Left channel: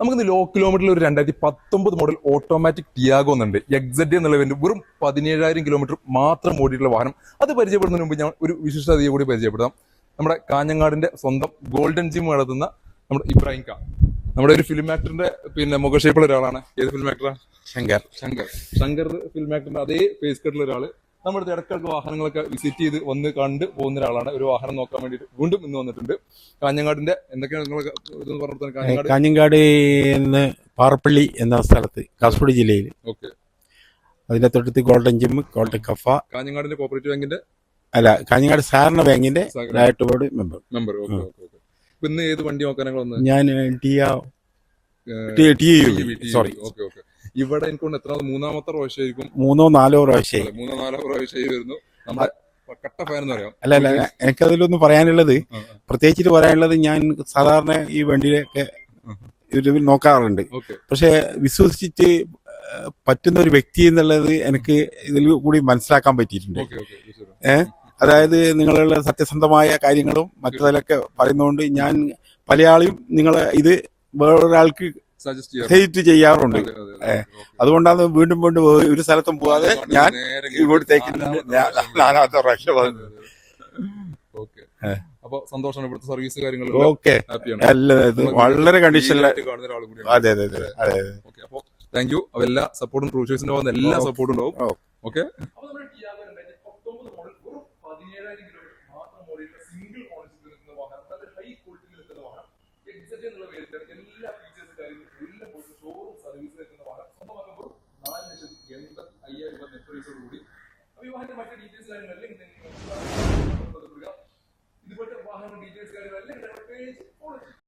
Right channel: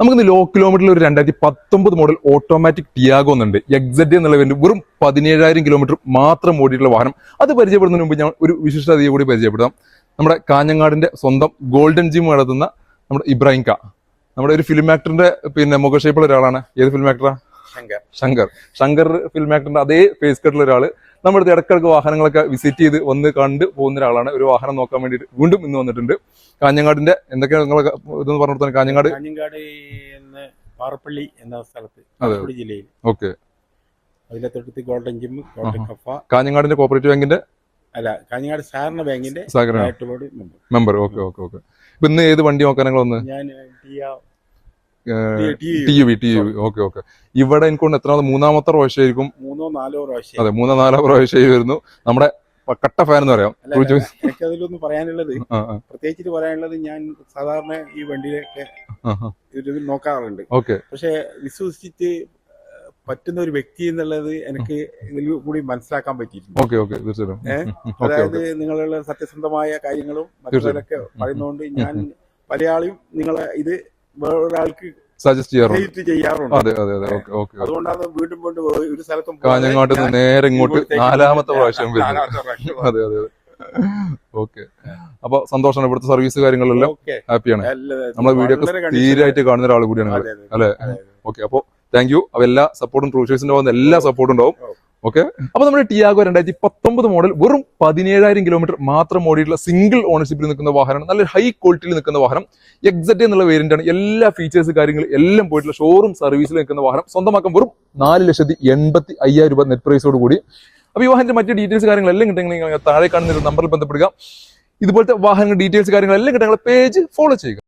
നമുക്ക് ലോ കിലോമീറ്ററിൽ ഒരു 2019 മോഡൽ ഓട്ടോമാറ്റിക് ടിയാഗോ എന്നുണ്ട്. എക്സെഡ് എന്നുള്ള വേണ്ടി വെറും 17,000 കിലോമീറ്റർ മാത്രം ഓടിയിട്ടുള്ള വാഹനം. അത് പരിചയപ്പെടുന്നതിന് മുമ്പ് ഞാൻ ഒരു വിശിഷ്ട അതിയെ കൂടി പരിചയപ്പെടാം. നമ്മുടെ കാഞ്ഞങ്ങാടിന്റെ സ്വന്തം ഗോൾഡൻ ജിം നടത്തുന്ന നമ്മുടെ ഇബ്രാഹിം ക, നമ്മുടെ ഒരു ഫിലിം ആക്ടറിന്റെ മുഖഷേപ്പുള്ള ഒരാളാണ്. ഏത് ഫിലിം ആക്ടറാ? ശങ്കർ ഫിലിം ആക്ടറിന്റെ അതേ ഫേസ് കട്ടുള്ള ഒരാള്. നമ്മുടെ ഇടക്കിടക്ക് വാഹനങ്ങളൊക്കെ വിസിറ്റ് ചെയ്ത് വന്ന് കണ്ട് പോകുന്ന ഒരാളാണ്. ഒരു വാഹനം നോക്കാൻ വേണ്ടിയിട്ട് വീണ്ടും ഇന്ന് വന്നിട്ടുണ്ട്. കാഞ്ഞങ്ങാടിന്റെ എന്തൊക്കെയാണ് നിങ്ങൾ ഇതെന്ന് പറഞ്ഞു കൊടുത്താൽ? കാഞ്ഞങ്ങാട് പാറപ്പള്ളി എന്ന സ്ഥലത്ത്, കാസർഗോഡ് ജില്ലയിൽ. ഓക്കെ. അതിന്റെ തൊട്ടടുത്ത് ഗോൾഡൻ ജിം, കോട്ടൺ കഫ. കാഞ്ഞങ്ങാടിന്റെ കോപ്പറേറ്റീവ് ബാങ്കിന്റെ കാഞ്ഞങ്ങാട് സഹകരണ ബാങ്കിന്റെ മെമ്പർ. Okay okay okay. ഇപ്പൊ ഇന്ന് ഏത് വണ്ടി നോക്കാൻ നിങ്ങൾ വന്നത്? ഞാൻ ഓക്കെ ഓക്കെ. ഇവിടെ എനിക്ക് എത്ര മൂന്നാമത്തെ പ്രാവശ്യമായിരിക്കും, 3-4 പ്രാവശ്യം. അതെ, 3-4 പ്രാവശ്യമായി വരുന്നു. നമ്മുടെ കട്ട ഫാൻ എന്ന് പറയാം. അല്ല, എനിക്കതിലൊന്നും പറയാനുള്ളത്, പ്രത്യേകിച്ചിട്ട് പറയാനുള്ളത്, ഞാൻ സാധാരണ ഈ വണ്ടിയിലൊക്കെ നോക്കാറുണ്ട്. പക്ഷെ വിശ്വസിച്ചിട്ട് പറ്റുന്ന ഒരു വ്യക്തി എന്നുള്ളത് എനിക്ക് ഇതിൽ കൂടി മനസ്സിലാക്കാൻ പറ്റിയിട്ടുണ്ട്. അതായത് നിങ്ങളുള്ള സത്യസന്ധമായ കാര്യങ്ങളും മറ്റൊക്കെ പറയുന്നതുകൊണ്ട് ഞാൻ പലയാളും നിങ്ങളെ ഇത് വേറൊരാൾക്ക് സജസ്റ്റ് ചെയ്യാറുണ്ട്. അതുകൊണ്ടാണ് വീണ്ടും വീണ്ടും ഒരു സ്ഥലത്തും നേരെ ഇങ്ങോട്ട് 4ാമത്തെ പ്രാവശ്യം. ഓക്കെ. അപ്പൊ സന്തോഷമാണ്. ഇവിടുത്തെ സർവീസ് കാര്യങ്ങളെല്ലാം ഹാപ്പിയാണ്. വളരെ കണ്ടീഷനായിട്ട് കാണുന്ന ഒരാൾ കൂടിയാണ് അല്ലെ? ഓക്കെ. അപ്പൊ താങ്ക് യു. അപ്പൊ എല്ലാ സപ്പോർട്ടും ട്രൂ ചോയ്സിന്റെ പോകുന്ന എല്ലാ സപ്പോർട്ടും ഉണ്ടാവും. ഓക്കെ. അപ്പൊ നമ്മുടെ ടിയാഗോ 2019 മോഡൽ വെറും 17,000 കിലോമീറ്റർ മാത്രം ഓടിയിട്ടുള്ള സിംഗിൾ ഓണർഷിപ്പിൽ നിൽക്കുന്ന വാഹനമാണ്. നല്ല ഹൈ ക്വാളിറ്റിയിൽ നിൽക്കുന്ന വാഹനം. എക്സെഡ് എന്നുള്ള വേരിയന്റ് ആണ്. എല്ലാ ഫീച്ചേഴ്സ് കാര്യങ്ങൾ എല്ലാം പോയിട്ടുള്ള ഷോറൂം സർവീസിൽ നിൽക്കുന്ന വാഹനം. സ്വന്തമാക്കാൻ വെറും 4,85,000 രൂപ നെറ്റ് പ്രൈസോട് കൂടി. അപ്പൊ ഈ വാഹനത്തിന്റെ മറ്റു ഡീറ്റെയിൽസ് കാര്യങ്ങളെല്ലാം കിട്ടുമെങ്കിൽ താഴെ കാണുന്ന ഒരു നമ്പറിൽ ബന്ധപ്പെടുക. ഇതുപോലത്തെ വാഹനങ്ങളുടെ ഡീറ്റെയിൽസ് കാര്യങ്ങളെല്ലാം കിട്ടാൻ പേജ് ഫോളോ ചെയ്യുക.